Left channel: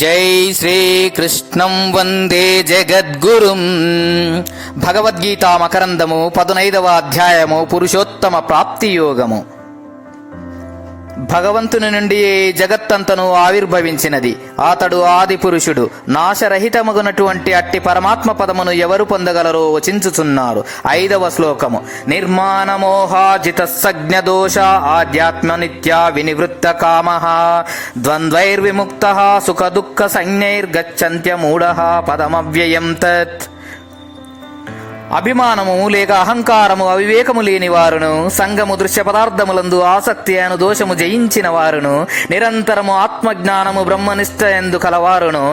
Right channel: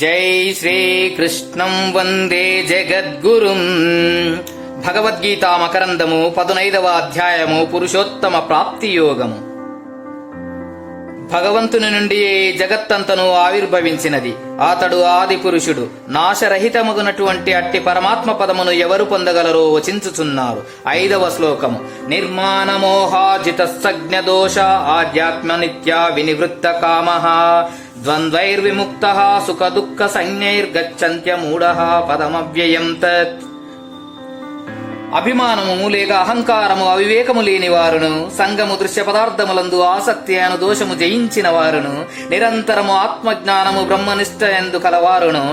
జై శ్రీకృష్ణం వందే జగద్గురుం. భగవద్గీత మకరందము 15వ అధ్యాయము పురుషోత్తమ ప్రాప్తి యోగము. భగవంతుని నుండి జగత్తంతను ఆవిర్భవించినది. అతడు ఆది పురుషుడు. నాశరహితమగునటువంటి అట్టి పరమాత్మ పదమును ఎవరు పొందగలరో వచించుచున్నారు. 5వ శ్లోకము. నిర్మాణమోహాజిత సజ్ఞదోష ఆధ్యాత్మ నిత్య వినివృత్త కామః ద్వంద్వైర్విముక్త సుఖ దుఃఖ సంజ్ఞైర్గచ్చంత్య మూఢః పదమవ్యయం తత్. అభిమానము లేక అహంకారము అవివేకము లేని వారును, సంగము దృశ్య పదార్థములందు ఆసక్తి అను దోషము జయించిన వారును, నిరంతరము ఆత్మజ్ఞానము బ్రహ్మనిష్ఠయందు కలవారును,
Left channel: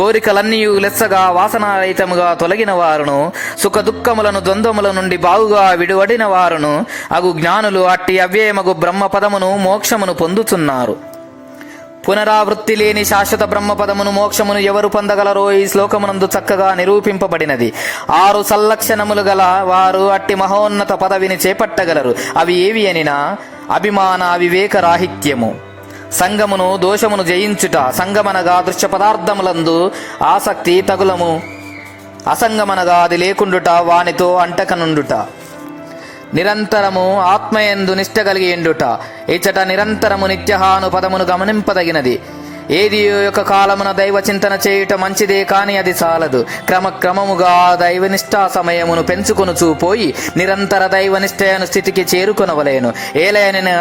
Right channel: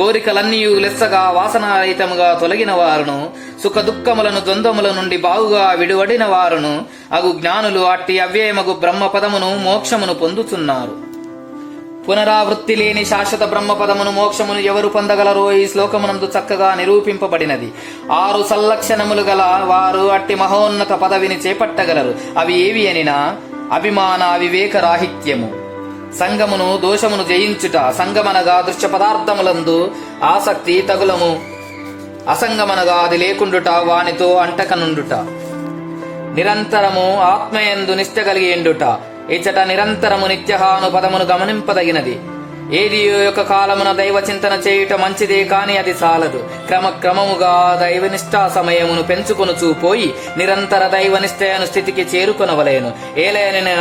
కోరికలన్నీ లెస్సగా వాసనారహితముగా తొలగిన వారును, సుఖ దుఃఖములను ద్వంద్వముల నుండి బాగుగా విడివడిన వారును అగు జ్ఞానులు అట్టి అవ్యయమగు బ్రహ్మ పదమును మోక్షమును పొందుతున్నారు. పునరావృత్తి లేని శాశ్వత బ్రహ్మపదమును మోక్షమును ఎవరు పొందగలరో ఈ శ్లోకమునందు చక్కగా నిరూపింపబడినది. 6 సల్లక్షణములు గల వారు అట్టి మహోన్నత పదవిని చేపట్టగలరు. అవి ఏవి అనినా, అభిమాన వివేక రాహిత్యము, సంగమును దోషమును జయించుట, సంగమనగా దృశ్య పదార్థములందు ఆసక్తి తగులము, అసంగమనగా అది లేకుండుట, వానితో అంటకనుండుట, నిరంతరము ఆత్మయందు నిష్ట కలిగి ఎండుట. ఇచ్చట నిరంతరము నిత్యహాను పదమును గమనింపదగినది. ఏది యొక్క కాలమున దైవ చింతన చేయుట మంచిదే, కాని అది చాలదు. క్రమక్రమముగా దైవనిష్టా సమయమును పెంచుకొనుచూ పోయి నిరంతర దైవనిష్టయను స్థితికి చేరుకొనవలేను. ఏలయన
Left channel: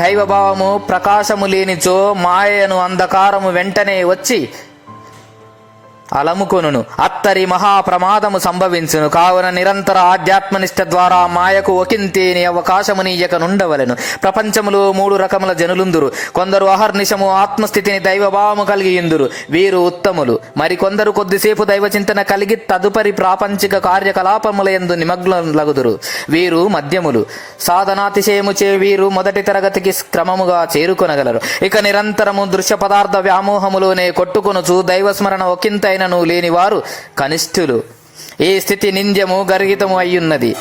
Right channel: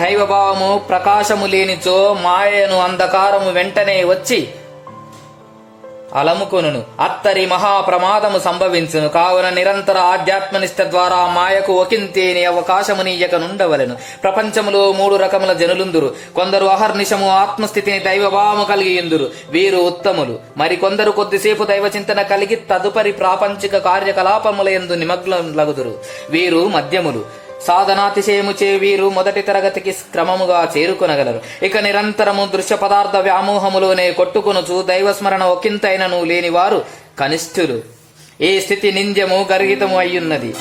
దైవభావము ప్రకాశము లేనిచో మాయను అంధకారము వెంటనే వచ్చి అలముకొనును. అత్తరి మహాప్రమాదము సంభవించును. కావున నిరంతర ఆధ్యాత్మనిష్ట ద్వారా మాయకు ఒకంతేని అవకాశమునీయక నుండవలెను. ప్రపంచములో 3 రకముల జనులుందురు. కొందరు అహర్నిశము ఆత్మస్థితిని దైవభావము కలిగియుందురు, వీరు ఉత్తములు. మరికొందరు కొద్దిసేపు దైవచింతన కలిగి తదుపరి ప్రాపంచిక కార్యకలాపములందు నిమగ్నులగుదురు, వీరు మధ్యములు. సాధనాతిశయముచే వీరు మొదటి తరగతికి క్రమముగా చేరుకొనగలరు. ఇక నిరంతరము దృశ్య పదార్థ వ్యామోహములోనే కొట్టుకొనుచు దైవస్మరణ ఒకంతైనను లేని వారు కనిష్ఠులు. ఈ స్థితి నింద్యము గర్హితము అయ్యున్నది.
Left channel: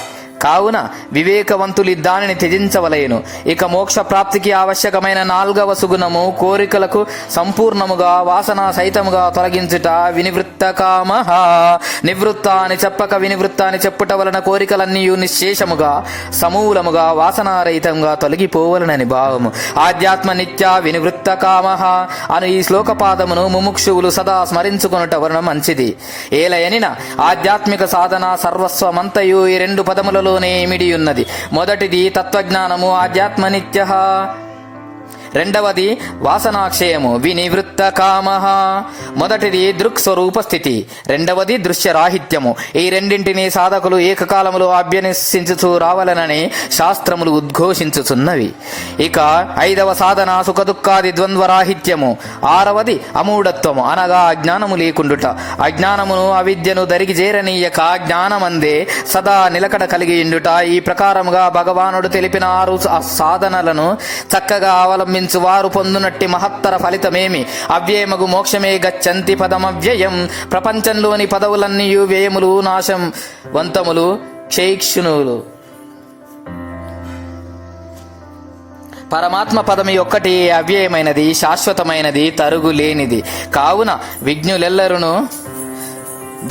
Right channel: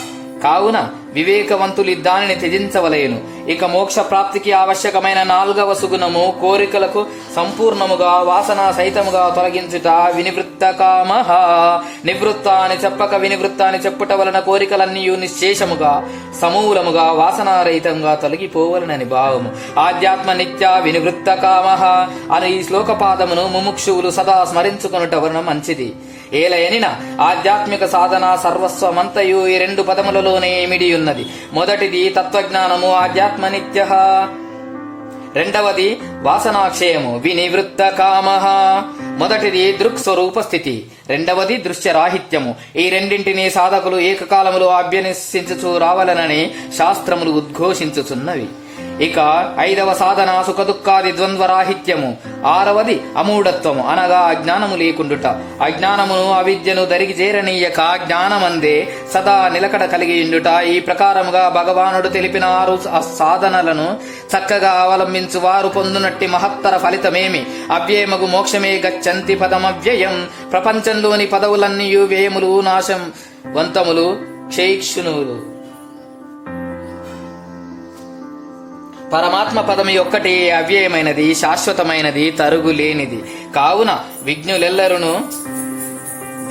కావున వివేకవంతులు దానిని త్యజించవలేను. ఇక మోక్ష ప్రాప్తికి ఆవశ్యకమైన 4వ సుగుణము కోరికలకు సంపూర్ణముగా వాసన సహితముగా తొలగించుట వినివృత్త కామః. నివృత్త అని చెప్పక వినివృత్త అని చెప్పుట వలన కోరికలన్నీ నిశ్శేషముగా సమూలముగా వాసనారహితంగా తొలగిపోవలనని భావము. ఆధ్యాత్మ నిత్య వినివృత్త కామః అను ఈ శ్లోకపాదమును ముముక్షువులు సదా స్మరించుకొనుట వలన మంచిది. ఏలయనిన ఆధ్యాత్మిక సాధన సర్వస్వమంతయు ఈ 2 పదములలో ఇమిడి ఉన్నది. మొదటిది తత్వజ్ఞానము ఆధ్యాత్మ నిత్యః, రెండవది వాసనాక్షయము వినివృత్త కామః. మొదటిది దృక్ స్వరూప స్థితి, రెండవది దృశ్యరాహిత్యము. ఈ రెండింటిని సాధకులు ఏకకాలములో అభ్యసించుచూ రావాలనని శాస్త్రములు ఉద్ఘోషించుచున్నవి. ఇక 5వ సాధన సుఖదుఃఖాది ద్వంద్వరాహిత్యము. 6వది అమూఢత్వము అనగా అజ్ఞానము లేకుండుట. అజ్ఞానమును అవిద్యను దరికి చేరనీయక జ్ఞానమందే సదా నిలకడ కలిగి ఉండుట. ఈ ప్రకారముగా భగవానుడు తెలిపిన 6 సాధనలను చక్కగా అవలంబించు వారు పొందునట్టి మహత్తర ఫలితమేమి? అవ్యయమగు మోక్షమే గచ్చంతి పదమవ్యయం. ప్రపంచంలోని పదవులన్నీ వ్యయములు, నాశం వంతములు, క్షేక్షునులు. పరమాత్మ పదమి ఒక్కటి అవ్యయమైనది, శాశ్వతమైనది, తరుగులేనిది. కావున విజ్ఞులెల్లరూ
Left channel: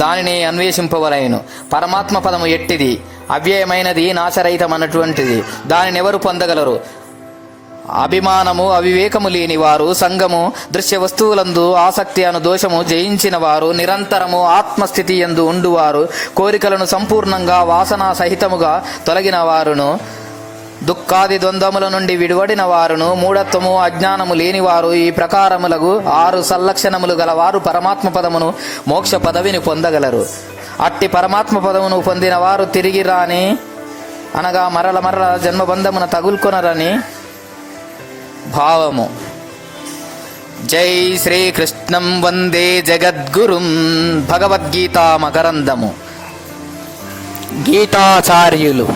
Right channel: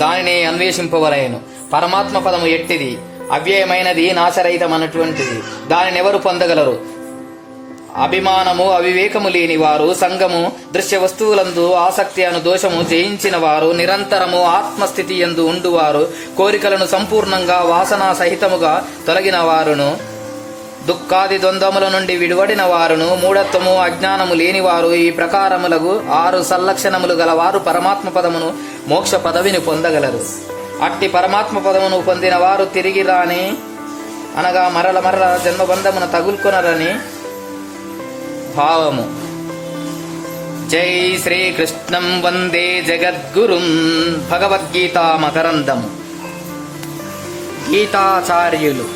దానిని అన్వేషింపవలెను. పరమాత్మ పదము ఎట్టిది? అవ్యయమైనది, నాశరహితమైనటువంటిది. దానినెవరు పొందగలరు? అభిమానము అవివేకము లేని వారు, సంగము దృశ్య వస్తువులందు ఆసక్తి అను దోషము జయించిన వారు, నిరంతరము ఆత్మస్థితి యందు ఉండువారు, కోరికలను సంపూర్ణంగా వాసనా సహితముగా తొలగిన వారును, దుఃఖాది ద్వంద్వముల నుండి విడివడిన వారును, మూఢత్వము అజ్ఞానము లేనివారు. ఈ ప్రకారములకు 6 సల్లక్షణములు గలవారు పరమాత్మ పదమును మోక్ష పదవిని పొందగలరు. అట్టి పరమాత్మ పదమును పొందిన వారు తిరిగి రాని అనగా మరల జన్మబంధమున తగులుకొనరని భావము. జై శ్రీకృష్ణం వందే జగద్గురుం. భగవద్గీత మకరందము. గీతాచార్యులు